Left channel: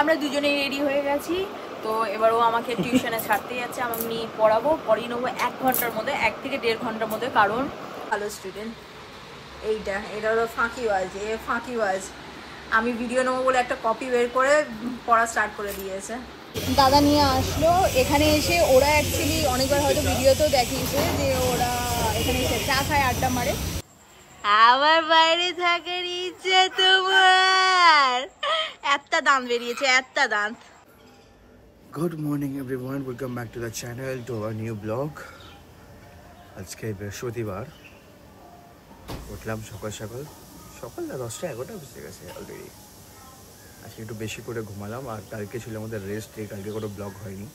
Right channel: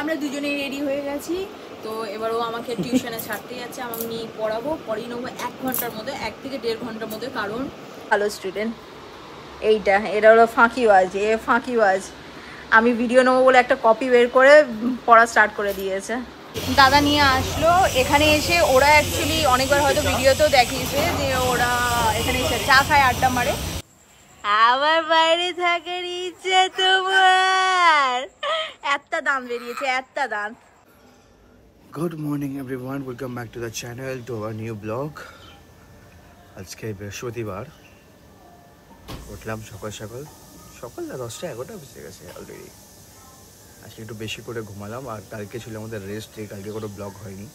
আমরা দুজনে রেডি হয়ে গেছি। তো এবার ও আমাকে টিউশনে ছাড়তে যাচ্ছে, আমি পড়াবো, পড়িয়ে নেবো 1 ঘন্টার মধ্যে, 1 থেকে 1.5 ঘন্টার মধ্যে। কারণ ভালো স্টুডেন্ট এটা হলো ফাঁকিবাজ, ফাঁকিবাজ। আমি ভিডিও নেবো বলে একটা কপি বের করে পড়া স্টার্ট করে দিয়েছে। দাদা নিয়ে আসলো এখানে এসে। ওরা অ্যাকচুয়ালি অনেকবার হয়তো ভিডিওতেও দেখিয়েছে যে ওরা এখানে এসে চা খায়, আড্ডা মারে। আবার বাইরে থাকার ইচ্ছে তোমার? একটা দাঁত বেরিয়েছে, একটা দাঁত। Good morning everyone, welcome back to the channel, to our new vlog. আজকে বৃহস্পতিবার। উঠলাম সকাল সকাল 10টা-11টা বেজে গেছে অলরেডি। আজকে একটু বেশি করে ঘুমালাম, আর কালকে ছিল আমাদের রেস্ট ডে, কালকে কোনো ব্লগ হয়নি।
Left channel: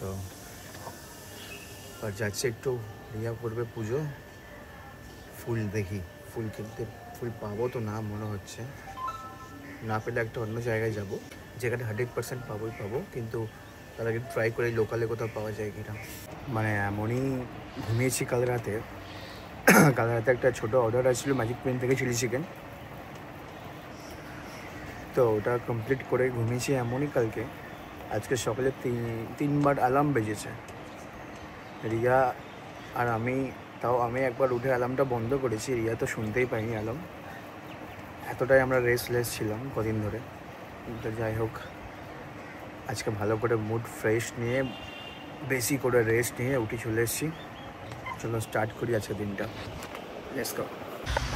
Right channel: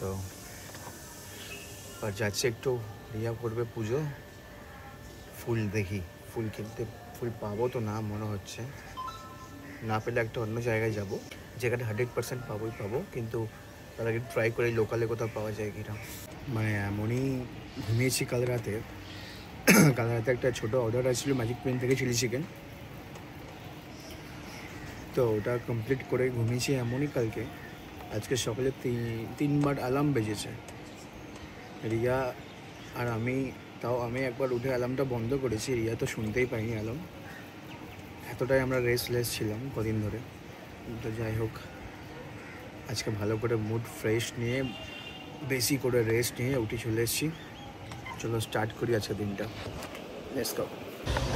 তো আর যাচ্ছে একটু রিয়া করবে পুজো, ফুল দেখি, ফুল কিনতে, ফুল পাবো তো না মনে হচ্ছে। না পেলে একটা অন্য জায়গায় যাব, যেখানে 100% পাবো, কিন্তু তার আগে ট্রাই করে লোকালে কোথাও পাওয়া যায় কিনা। মানে এমনই ঘুমিয়েছি কাল রাতে একটা ছোটো অর্ডার আসছিলো ম্যাজিক পেন থেকে, চিলি চিকেন। তো ওটা কমপ্লিট করে ঘুমিয়েছি এমনই কালকে। আজকে সকালে 3বার অ্যালার্ম বেজেছে রিয়া আর আমি। তাও আমি একবার উঠে অ্যালার্মটা বন্ধ করেছি, রিয়া তো শুনতেই পাইনি অ্যালার্ম। এতটাই আমরা রেস্টলেস ছিলাম কদিন ধরে। তো যাই হোক, আজকে ভালো করে মুড ফ্রেশ নিয়ে, বেশি করে রেস্ট নিয়ে উঠে চলে এসেছি। চলো স্টার্ট করি আজকে দিনটা, লেটস গো।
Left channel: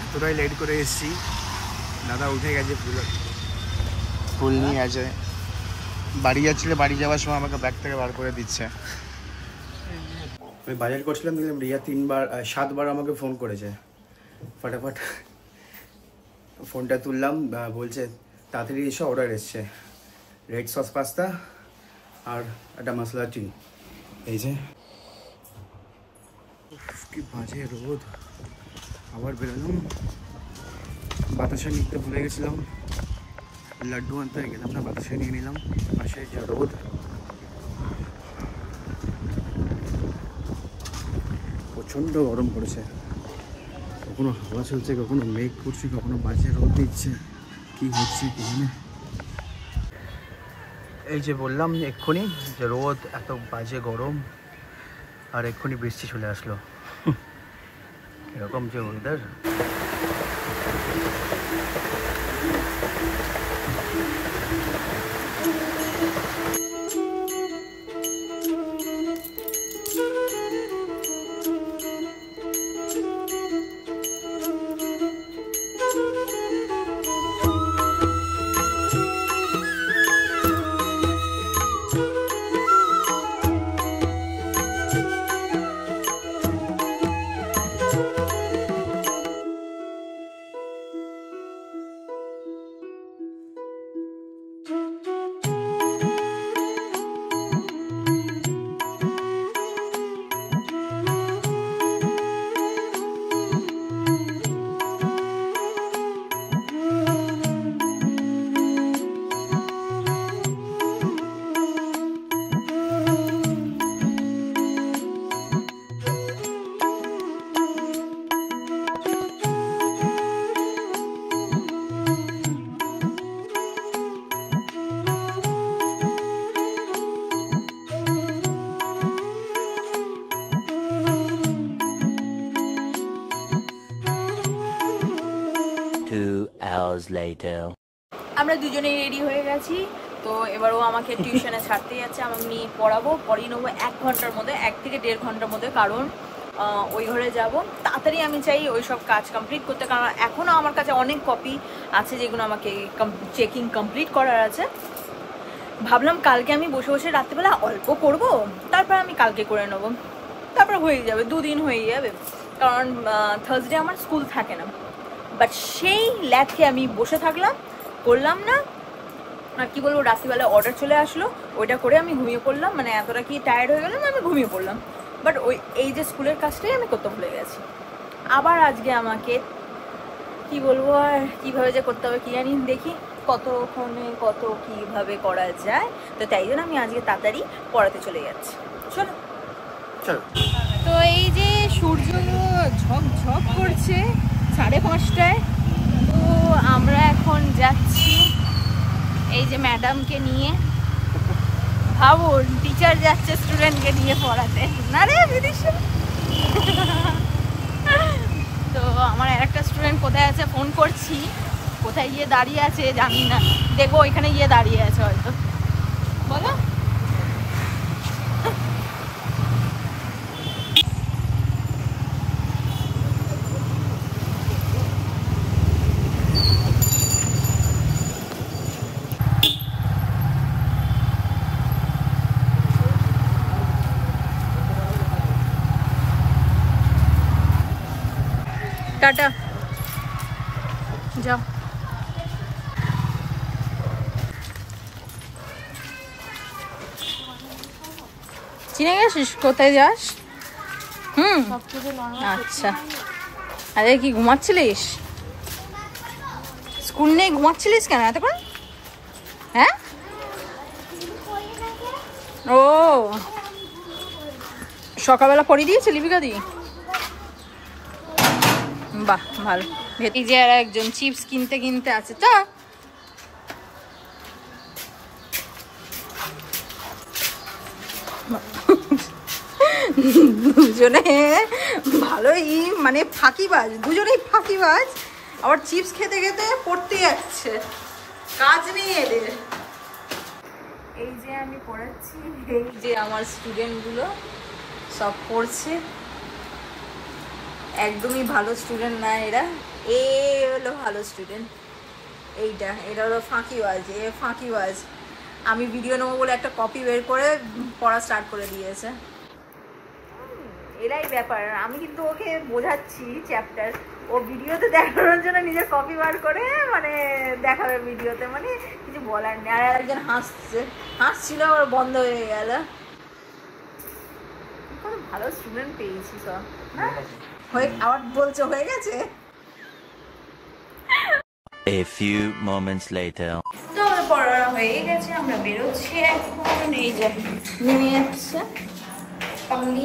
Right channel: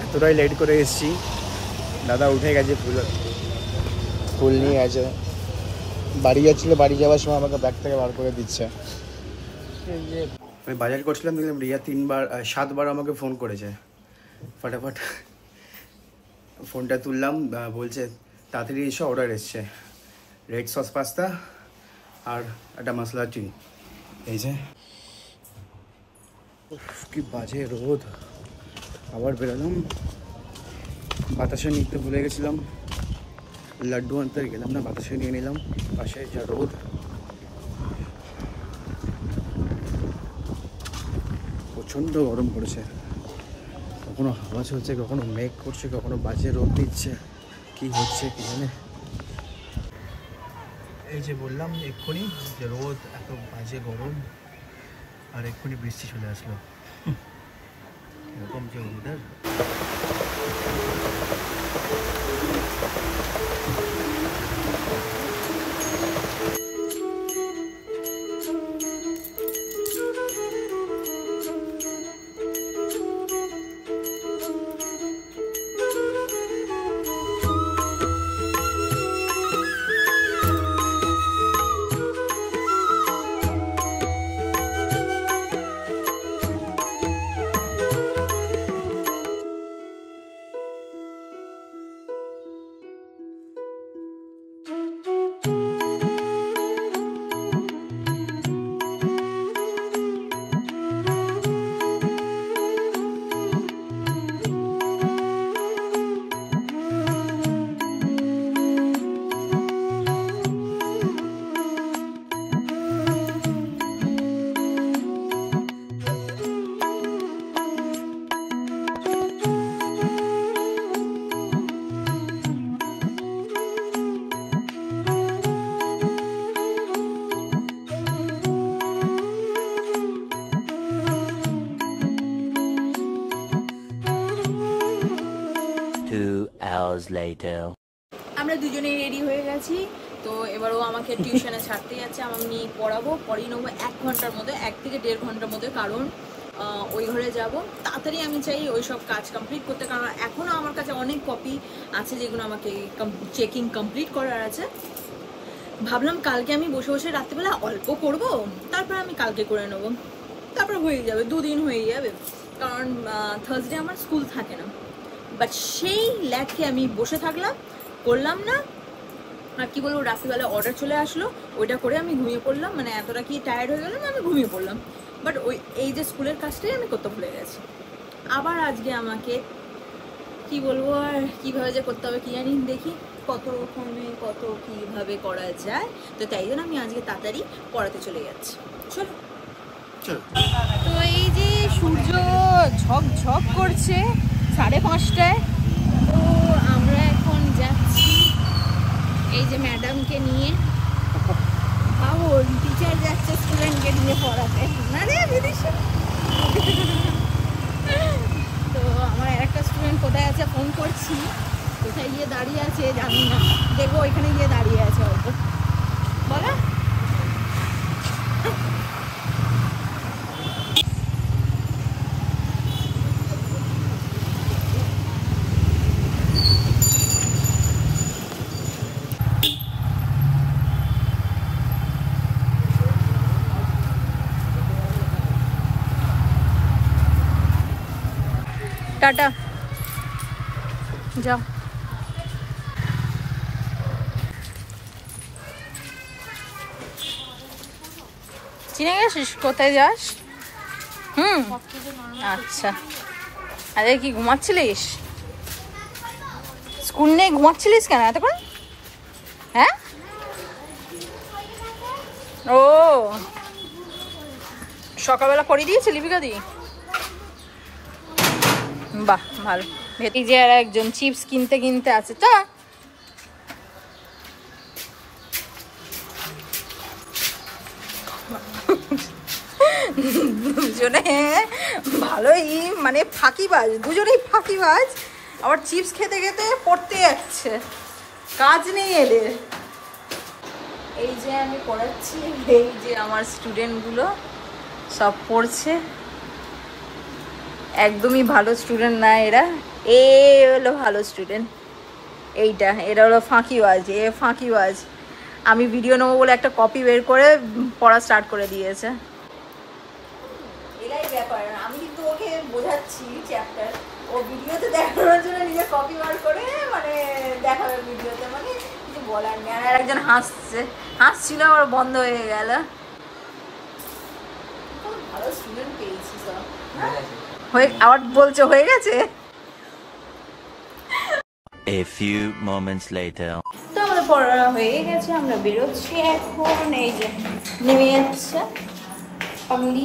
এতটাই লেট করে এসেছি, দাদা উঠে গেছে, ফুল নিয়ে আছে। বাড়ি যাচ্ছিলে, বাড়ি যাওয়ার সময় আমাকে ব্যাগ থেকে বার করে দিচ্ছে। আমি বাজার করছিলাম, দেখলাম রিয়া 7বার আমাকে ফোন করেছে। ফটাফট ফোনটা তুললাম, বলছে তাড়াতাড়ি এসে অর্ডার এসছে, রেড সস পাস্তা আর একটা মশলা টি। এই যে কি বাজে রোদ। আবার বেরোলাম, বাতাসে নিতে ভুলে গেছিলাম, লাড্ডু আনতে গেলাম না, বাতাসে নিয়ে নিলাম। পাশে যা রোদ, প্রচণ্ড গরম পড়েছে। কখনো হাওয়া চলছে, কখনো মেঘ করছে, কখনো বাজে রোদ দিচ্ছে, কি হচ্ছে কি জানে। এই যে বললাম এক্ষুনি যে রোদ, এত বাজে গরম, আর এক্ষুনি বৃষ্টি চলে আসলো। এরকম যে ওয়েদার। আমরা দুজনে রেডি হয়ে গেছি। তো এবার ও আমাকে টিউশনে ছাড়তে যাচ্ছে, আমি পড়াবো, পড়িয়ে নেবো 1 ঘন্টার মধ্যে, 1 থেকে 1.5 ঘন্টার মধ্যে। কারণ ওই ঘরে যাব তাড়াতাড়ি, আমি চাই ওই সব কাজ কমপ্লিট করতে। কারণ এখনও আমার কাছে অনেক কপি আছে যেগুলো আমাকে চেকিং কমপ্লিট করার আছে। ভাবলাম কালকে আমি বসে বসে রাত্রিবেলা অল্প করব, তারপর আমি কালকে করে নেবো, তারপর হয়ে যাবে, 2 দিন হয়ে যাবে। কারণ থার্সডে আমার স্কুল থাকে না। বাট সেই ল্যাটকে আমি বসে থাকলাম, করলাম না। আর কি বলবো, রাত্রিবেলা অর্ডার চলে আসলো, ওইটা করে আমি ঘুমিয়ে পড়লাম। মানে এতটা কি টায়ার্ড হয়ে গেলাম, আমি ঘুমিয়ে পড়লাম। বাট এই যে স্কুলের কাজটাই আমি করতে ভুলে গেছি। আবার আজকে আমাকে কি বলবো, আর কিভাবে যে করতে হবে কি জানি, দেখি কতক্ষণে কত কিভাবে করা যায়। তো তাই জন্য আমি আজকে তাড়াতাড়ি পড়াতে চলে যাচ্ছি। চলো। তো এই যে সূর্য ঝকঝক করছে 5:30টায়। তো আমরা এখন যাচ্ছি এই যে ম্যাডামকে নিয়ে, ভাবুন টিচার যাচ্ছে স্টুডেন্টকে নিয়ে পড়াতে, না রে তো আমার একটা স্টুডেন্ট কোথায় আছে ফোন করছি, কোথায় গিয়ে দাঁড়িয়ে আছে জানি না, দেখবো ওইখানে গিয়ে দাঁড়িয়ে আছে হয়তো। বলো টাটা, যাও। চিনে গেছিস কোথায় যাস? আচ্ছা, আরে কি ঘুমাচ্ছিলিস? স্কুল নেই, ঘুমাচ্ছিলিস কেন এতক্ষণ? হ্যাঁ, ও সকালবেলা পড়িয়ে দিয়েছে লিপিকা দি? বাহ ভালো। এই যে আর একজন চিপস কিনতে কিনতে আছে, তা দুজনে ভালোই মানে ফাঁকিবাজ, দুজনেই ফাঁকিবাজ। আবার চিপস খেতে খেতে পড়তে যাচ্ছে, কাজ নেই এদের। এই যে আমি পড়াচ্ছি, এই যে আমার স্টুডেন্ট গুলো সব পড়ছে। একদমই ভালো স্টুডেন্ট না এরা, এ হলো ভালো স্টুডেন্ট, এইটা এরা হলো ফাঁকিবাজ, এ ফাঁকিবাজ। আমি ভিডিও নেবো বলে একটা কপি বের করে পড়া স্টার্ট করে দিয়েছে। এরাই ব্যাপার, আমি কিন্তু ওকে বোঝাচ্ছি চ্যাপ্টার, ও ভিডিওতে দেখানোর জন্য নিজে কপি বার করে মানে দেখাবে ভিডিওতে, মানে কিছু বলার নেই। আর একজন হাসছিল, ওর বন্ধ হয়ে গেল। কত ভালো স্টুডেন্ট পেয়েছি সব, না আবার বলছে হয়ে গেছে। A few moments later. তো আমাদের পড়া হয়ে গেছে, আমরা বেরোচ্ছি এখন। এই যে নেমে যাচ্ছে পাগলি।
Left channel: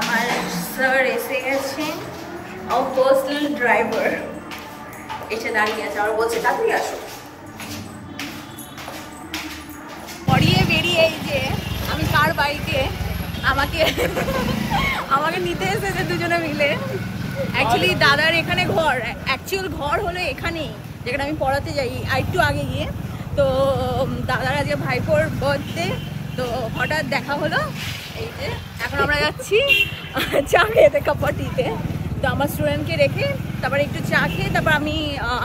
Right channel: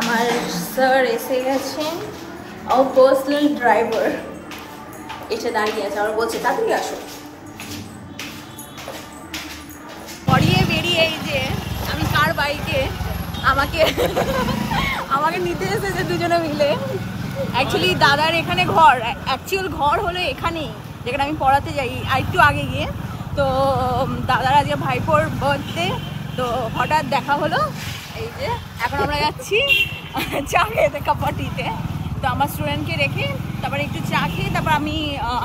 আমার স্যার এসে গেছেন, আমার পার্সোনাল ড্রাইভার এসে দাঁড়িয়ে আছে, আর বলছে তাড়াতাড়ি আসো। পড়িয়ে বেরিয়ে এই যে আমি কার বাইকে আমাকে নিতে এসেছে দুজনে মিলে। অ্যাকচুয়ালি দাদার এখানে ঘর, অ্যাকচুয়াল ঘর হলো এখানেই যেখানে আমি পড়াতে যাই, আর একটু আগে গিয়ে। তো দাদার আজকে ভাইপোর বার্থডে, তো হঠাৎ দেখা হলো। এই যে এখন আমরা যাচ্ছি চা খেতে কাপাটিতে। তো আমার স্টুডেন্টকে রেখে তারপরে একটু চা খেয়ে তারপর আমি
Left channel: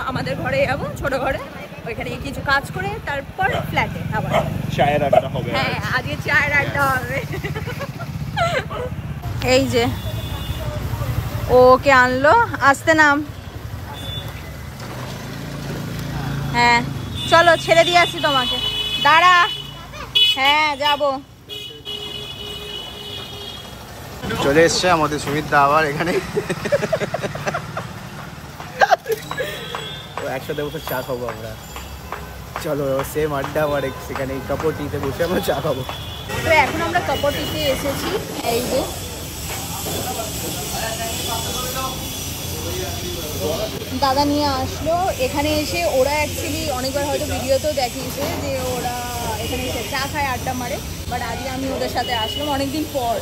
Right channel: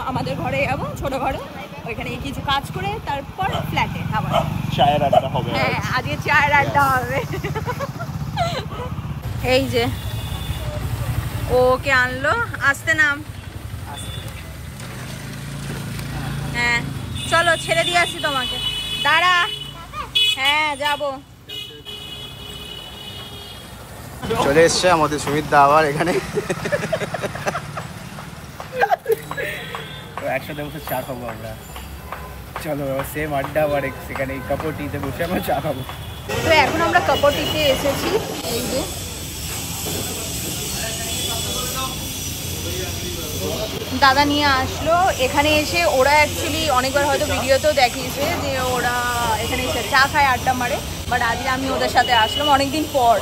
আমাদের ঘরে যাবো, ছোট ঘরে, ওইখানে কিছু কাজ করে তারপর ফ্ল্যাটে আবার চায়ের আড্ডা হবে। হ্যাঁ, আজকে চায়ের আড্ডা হবে। এই যে ওকে আনলো, আসতে নাম। হ্যাঁ চলো ছেড়ে দিয়ে আসছি তোমাকে, দাঁড়া। হ্যাঁ যাবো। চলে এসছে আমাদের সুমিত দা আবার এখানে, ও একসাথে বসে চা খাবো আমরা। চলো সেম আড্ডা, আবার সেখানে কাপড়টিতে বসে আমরা চা খাবো। তো এখন আমরা কাপড়টিতে এসেছি। এই যে দাদা নিয়ে আসলো এখানে এসে। ওরা অ্যাকচুয়ালি অনেকবার হয়তো ভিডিওতেও দেখিয়েছে যে ওরা এখানে এসে চা খায়, আড্ডা মারে, বাট আজকে আমি ওদের সাথে আসলাম অনেকদিন পর।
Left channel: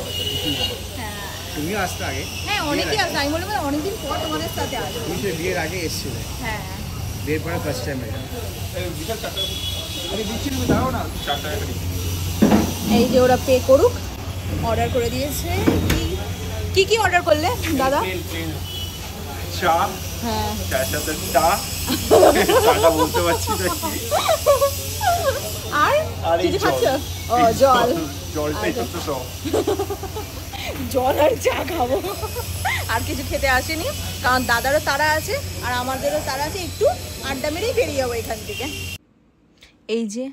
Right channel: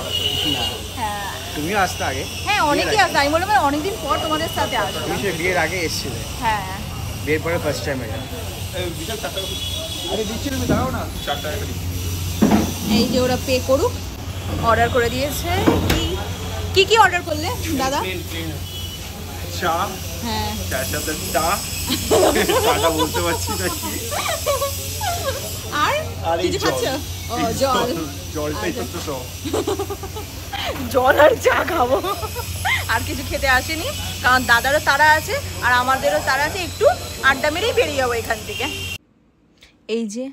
হ্যাঁ তুমিও আসতে আগে? হ্যাঁ অনেকেই আসে, আমি বললাম অনেকদিন পর তোমাদের সাথে আসলাম। তুমি সে বিয়ের আগে এসেছিলে? হ্যাঁ বিয়ের পরে ফার্স্ট টাইম এটা। এই যে ওরা পে করুক, অর্ডার করে দিয়েছে। কি কি অর্ডার করলে দাদা? চা, হ্যাঁ চার সাথে চা, চাটা বলতে পারছি না কি, আর কিছু খাচ্ছ? ও জল, জলটাই তো সব। জল আর চা খাবো, আর কিছু খেতে আসেনি, কারণ দাদারও তারা আছে আর আমাদেরও তারা আছে, একটু আড্ডা মেরেই বেরিয়ে যাবো এখান থেকে। এই যে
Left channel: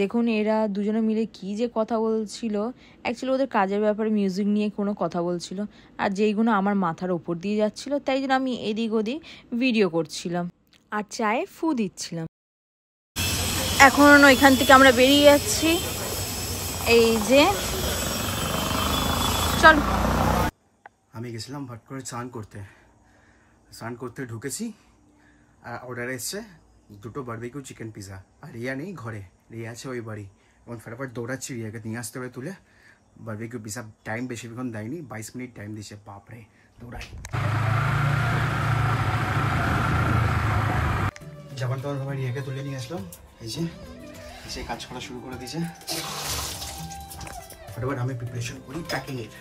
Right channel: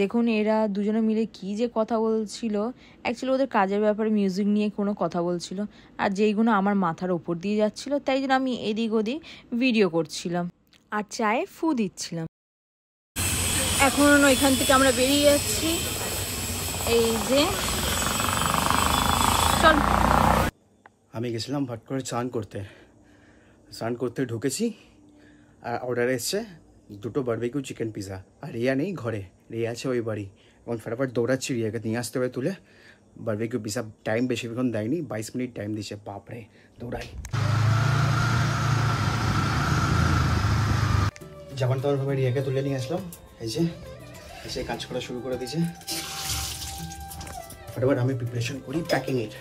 দেখুন এরা দুজনে মিলে কি যে কথা বলছিল, অ্যাকচুয়ালি ওদের কাজের ব্যাপারে মিউজিক নিয়ে কোনো কথা বলছিল, আর যেইগুলো আমার মাথার ওপর দিয়ে যাচ্ছিল তাই জন্য আমি এদিক ওদিক ভিডিও করছিলাম আর চায়ে ফু দিচ্ছিলাম। এখন ওইখান থেকে আমরা বেরিয়ে যাচ্ছি। এই যে চল আমি গেছিলাম ভাট করে স্নান করতে ঢুকেছি আর অর্ডার এসছে 2টো বারবিকিউ চিকেন পিজা। আর রিয়া নেই ঘরে, রিয়া আছে ওই বাড়ি। এবং ফটাফট দৌড়াচ্ছি, রিয়াকে নিয়ে আসতে হবে তুলে বারবিকিউ পিজা। টাইম বেশিক্ষণ দেয়নি, 22 মিনিট টাইম দিচ্ছে। বাপরে, দৌড়াই। যাবার তো ভাবে রিয়াকে তুলে নিয়ে আসলাম, এই যে এসে কাজ করা শুরু করে দিয়েছে। ফটাফট আমি প্রিপারেশন করি প্যাকিংয়ের।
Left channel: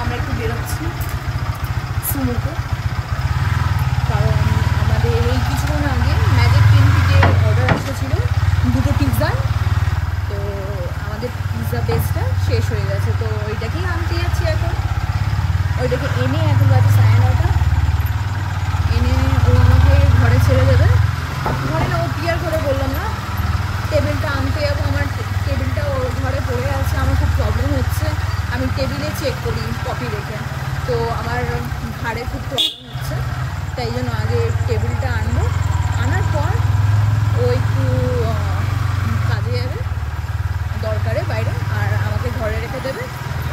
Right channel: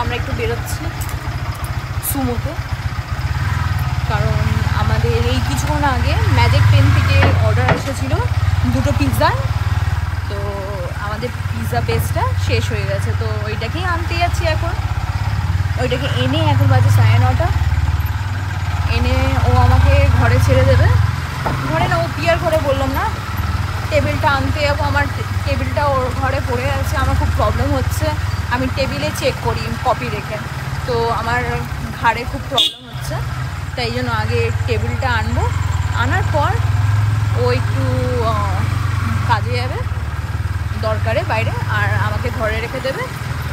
আমরা একটু বেরোচ্ছি সুমোতে, কারণ আমাদের এই কিছুক্ষণ আগে ম্যাজিক পেন থেকে অর্ডার এসেছিল 2টো পিৎজা। তো আমাদের পিৎজা বেসটা শেষ হয়ে গেছে, তো ওইটাকেই আনতে যাচ্ছি এখন। ওইটাকে এনে এখন বাজে 9:30, এনে ও আমাকে ঘরে ছেড়ে দেবে। ঘরে না, ও পিয়ার ঘরে বললাম না, টেবিলটা আনতে যাবো। আমার টেবিলটা ওর ঘরে পড়ে আছে, আমার খুব প্রবলেম হচ্ছে। আমি টেবিলে চেক করি কপি রেখে, তো আমার ঘাড়ে খুব প্রবলেম হচ্ছে, তাই জন্য আগে টেবিলটা আনবো। আনার পর ও একটু কাজে যাবে দরকারে বাইরে, আর আমাকে ঘরে রেখে দেবে।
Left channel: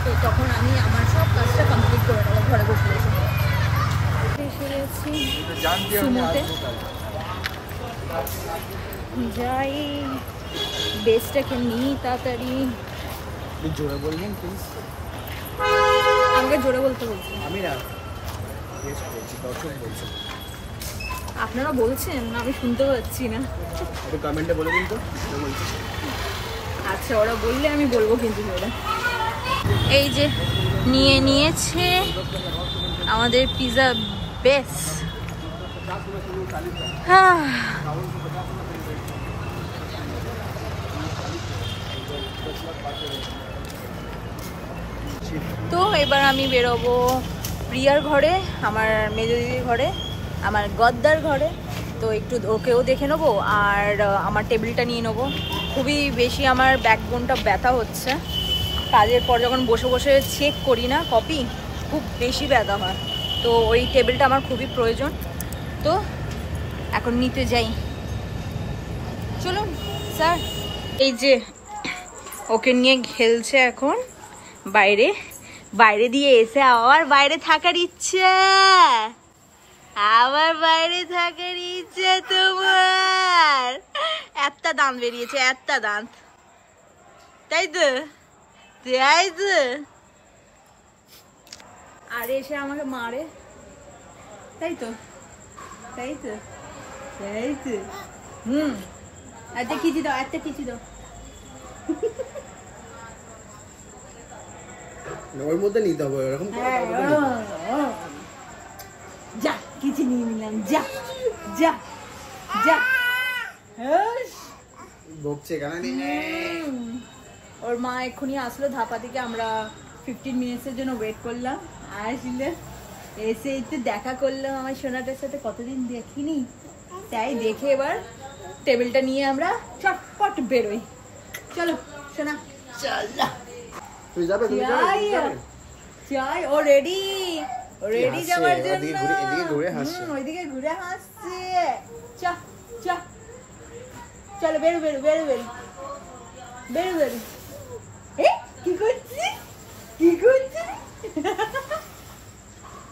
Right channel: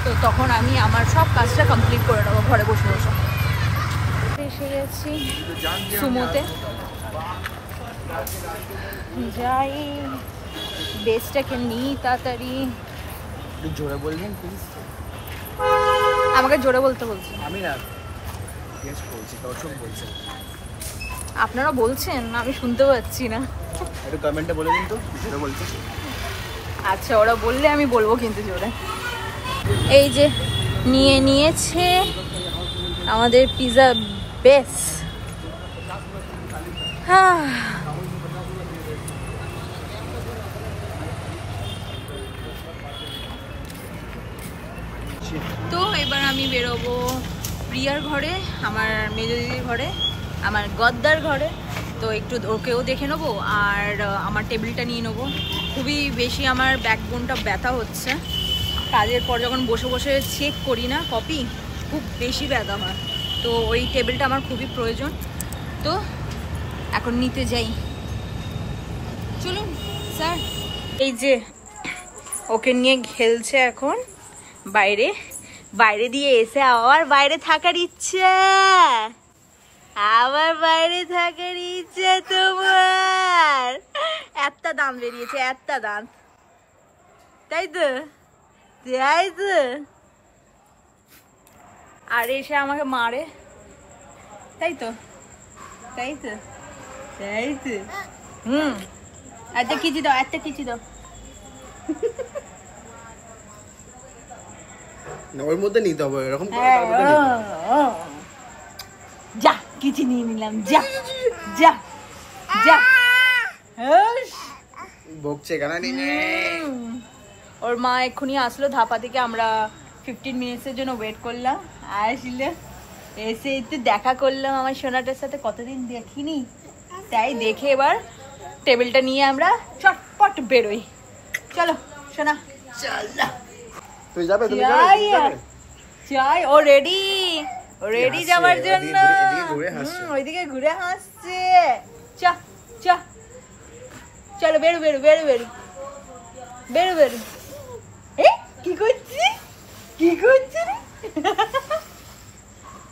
তো তখন আমি আমার সব কাজটা কমপ্লিট করে নেবো ঘরে বসে বসে। এসে গেছি সুমোতে, যাই বেসটাকে নিই তাড়াতাড়ি। জোরে বলবেন প্লিজ। আমাকে জোরে বলতে বলছি। আমি না গেস্ট বলছি, দর্শক বলছেন। আপনারা বলছেন, আমি শুনতে পাচ্ছি না। একটু কমেন্টে বলে দিন তো জোরে বলছি। আচ্ছা, ওরা বললে আমি বলবো কিন্তু জোরে। এই যে নিয়ে নিয়েছে আমাদের পিৎজা বেস। তো এবার আমি বেরোবো প্রিয়ার ঘরে, আমার মেজো দিদির ঘরে, আমার গদ্দার ঘরে। তো একটু ওকেও দেখে নেবো আর আমার টেবিলটা নিয়ে নেবো। খুবই বেশি আমার ব্যাকবোনটা ব্যথা হচ্ছে, কাজের পর যখন বসে বসে চেক করি না কপি, খুব বেশি ব্যথা হয়। তো ওই টেবিলটা আমার খুবই প্রয়োজন। তো এখন নিতে যাই, চলুন স্যার। এই যে ওকে নিয়ে খেলছে এখন বাইরে, বাইরে দিয়ে এসে আবার বাইরে থাকার ইচ্ছে, আবার বাইরে থাকার ইচ্ছে তোমার। একটা দাঁত বেরিয়েছে, একটা দাঁত, তাই তো, তাই তো। আর এসে আমাকে মারে, তাই তো, তাই তো, তাই তো। একটা কিচি দাও, একটা কিচি দাও। ওর মধ্যে নিতে হবে এরকম। যা কিছু নিয়ে নিলাম, যা যা যা। বকছে কেন? ওর মা এক্ষুনি আসলো ধাপা থেকে, আমরা 15 মিনিটসের জন্য ওয়েট করলাম। আসলে এসে একটু দেখা করলাম আমার সোনাটার সাথে, কতদিন দেখিনি, তাই দেখে এবার টেবিলটা নিয়ে আমরা চটপট বেরোই। চলো সোনা, চল। তুই যাবে? তুমি যাবে? চাই, ও রেডি, ও রেডি যাওয়ার জন্য। ওইদিকে ঘুরে হাসছে। চা চা, চলো বেরো বেরো বেরো বেরো বেরো বেরো। কি করছি, কি করছি?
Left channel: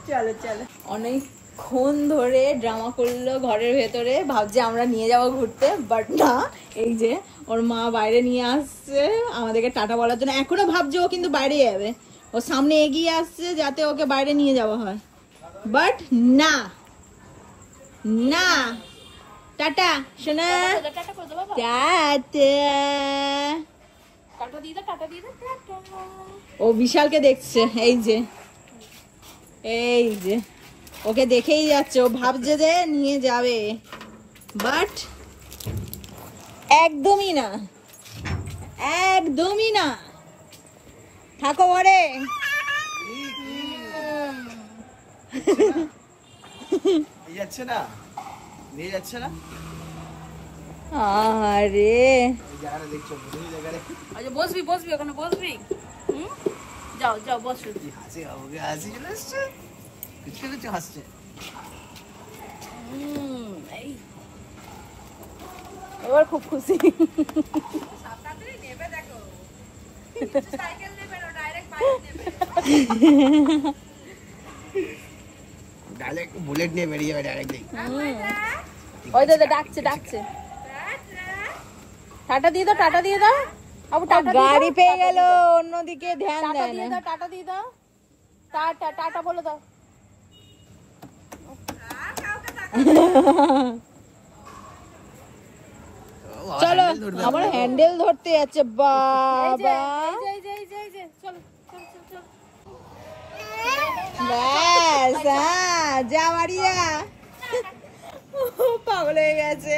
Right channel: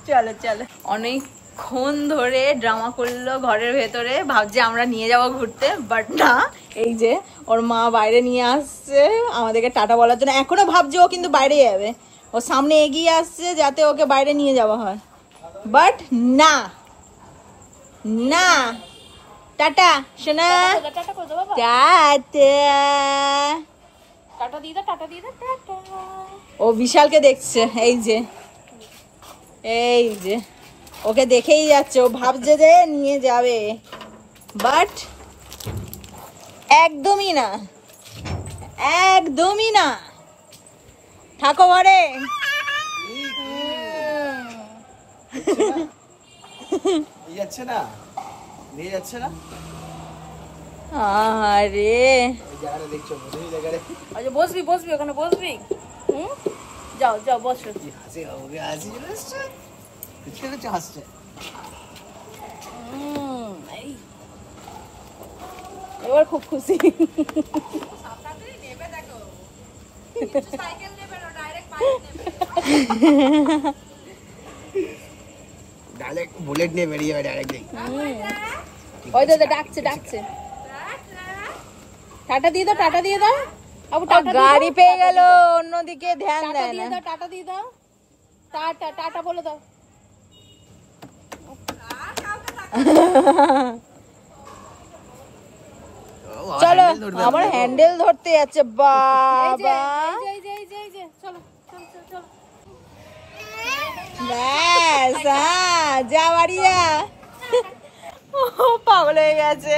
চলো চলো। অনেকক্ষণ ধরে ড্রামা করলো ঘরের ভেতরে, ভাবছে আমরা নিয়ে যাবো ঘুরতে, বাট না। এই যে ওর মা বাইরে নিয়ে আসছে আমাদেরকে টাটা বলার জন্য। এখনো ভাবছে ও কিন্তু বাইরে যাবে, ও সামনে এগিয়ে আসছে যাতে ওকে বাইরে নিয়ে যাওয়া হয়, বাট না না। টাটা সোনা, টাটা। ও বিশালকে দেখছে, এই যে এই যে ওকে দেখেই যাচ্ছে। ও ভাবছে যে নিয়ে যাবে, বাট একদমই না, একদমই না, থাকো ঘরে। যাচ্ছে না, নিয়ে যাচ্ছে না। আরে দেখছো আচ্ছা, বসবি বসবি ওখানে বসবি। যাও যাও বসো। হাসছে। এবার খুব খুশি। ডাইরেক্ট বুলেট নিয়ে বেরিয়ে যাবে ডাইরেক্ট। ওই দাদা ডাকছে ডাকছে, টাটা দিয়ে দাও, টাটা দিয়ে দাও। আবু টাটা গাড়ি পেয়ে গেল, অন্যদিকে ধ্যান দেয় না। টাটা দিয়ে দাও, টাটা টাটা বলে দাও। চলো, আমার হ্যান্ডেল ধরতে যাচ্ছে বাবা। ব্যাস, যা বাড়ি যা। পাগল হয়ে গেছে।